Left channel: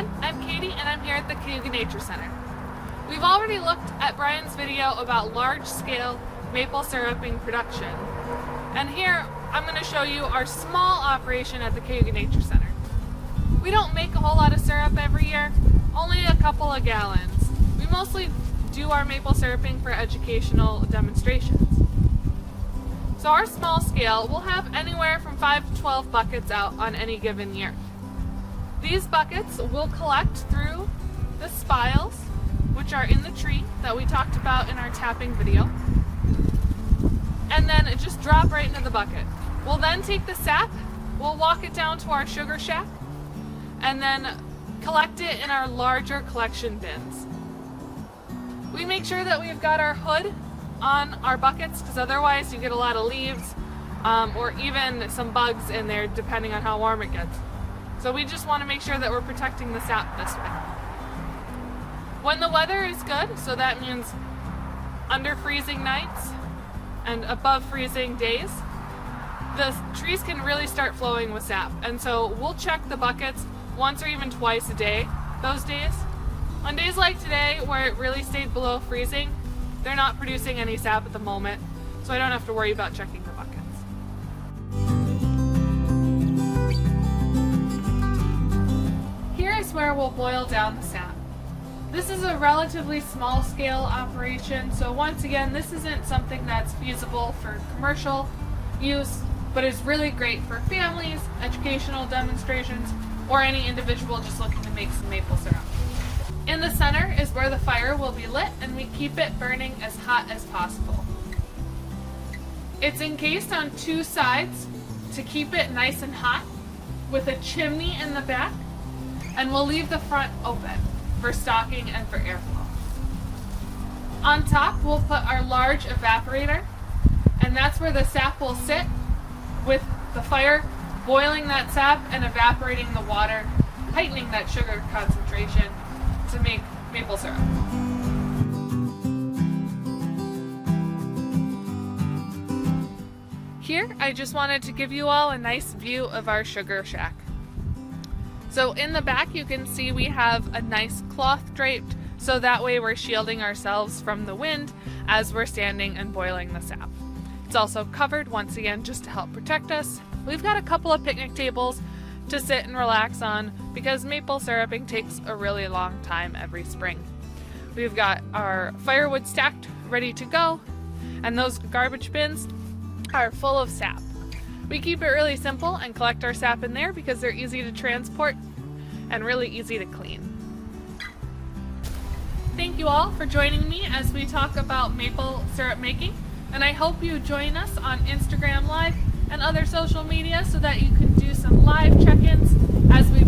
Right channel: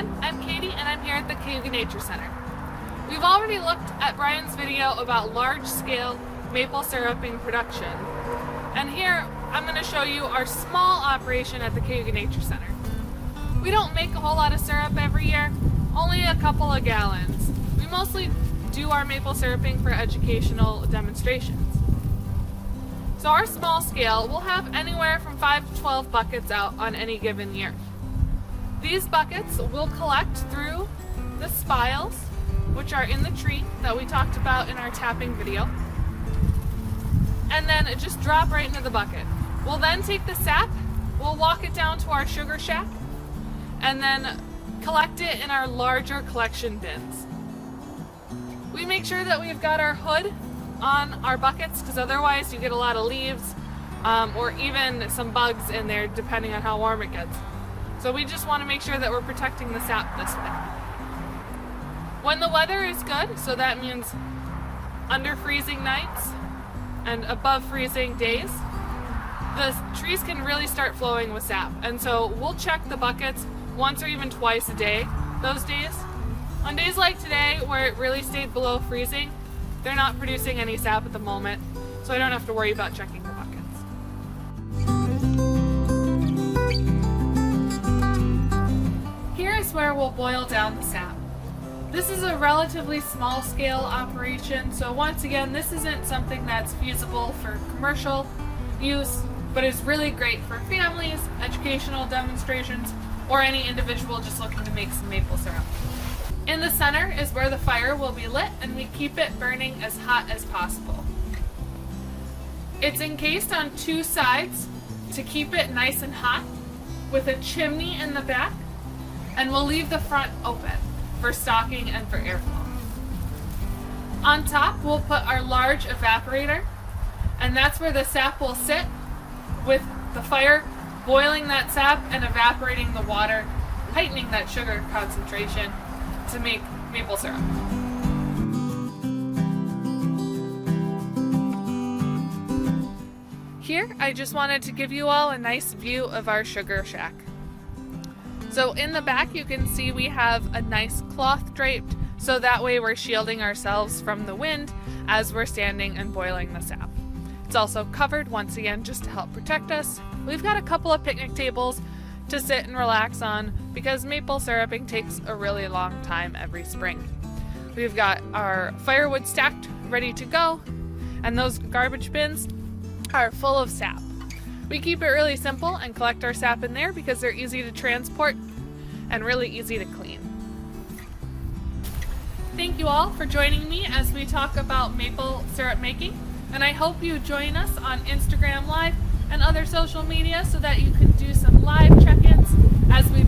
everyone, I'm Katie and I'm here at the Cayuga Nature Center. We've already looked at Brian's video about large-scale maple syruping production, and here I'm going to show you our small operation at the Cayuga Nature Center. We don't make a whole lot of syrup every year, only a couple of gallons. We mostly do our maple syruping for educational demonstrations. So our small scale will have anywhere from 5 to 12 buckets out on any given year. These buckets will collect through the spiles, which are in the tree that we talked about in our tapping video, and then just drop right into the bucket. We'll then take the sap, we'll walk it down to our sugar shack, and then collect it in our larger collection bins. We make sure that we've got our hood on our buckets, because otherwise you get a lot of leaves or even some bugs in there depending on how warm it gets. So we just want to make sure that we're protecting the sap this way. When the weather is good, so that means under freezing nights and above freezing days, the trees can really start flowing with sap. And so we'll check the buckets once or even twice a day those days. On days like today where it really stayed below freezing, they're not producing any sap at the moment, so I don't have to worry about checking the buckets. Here is where we'll boil down the sap. This is a relatively small scale operation, so once again, this isn't something that's feasible for commercial use, but is really great for families, educational demonstrations, or any individual just looking to make some maple syrup. In the center is where the fire will be lit, and we keep it burning as hot as possible. It's encased on 2 sides to keep it nice and hot, with a chimney in the back, and we'll leave the front open for stocking and for airflow. On top, we'll put our large evaporator, and that's where the sap will sit, with the fire boiling that sap and evaporating the water, heightening that sugar concentration to make maple syrup. Here, I just wanted to give you all a nice view of our sugar shack. So in the back, you can see we have a nice cloth draped, so that way we're shielding ourselves from the wind as we're standing and boiling the sap. It's also covered, once again, just to help protect us. We've got a couple of picnic tables to sit and relax on, because maple syruping takes a really long time every spring. We've got our firewood stacked, ready to go, and those garbage bins are full of sap. We keep it really simple and collect our sap in there because they're easy to transport and really easy to clean. Thank you all for joining me as we talk about maple syrup making, and I hope you join us on Instagram Live and other social media so that you can do some live check-ins as we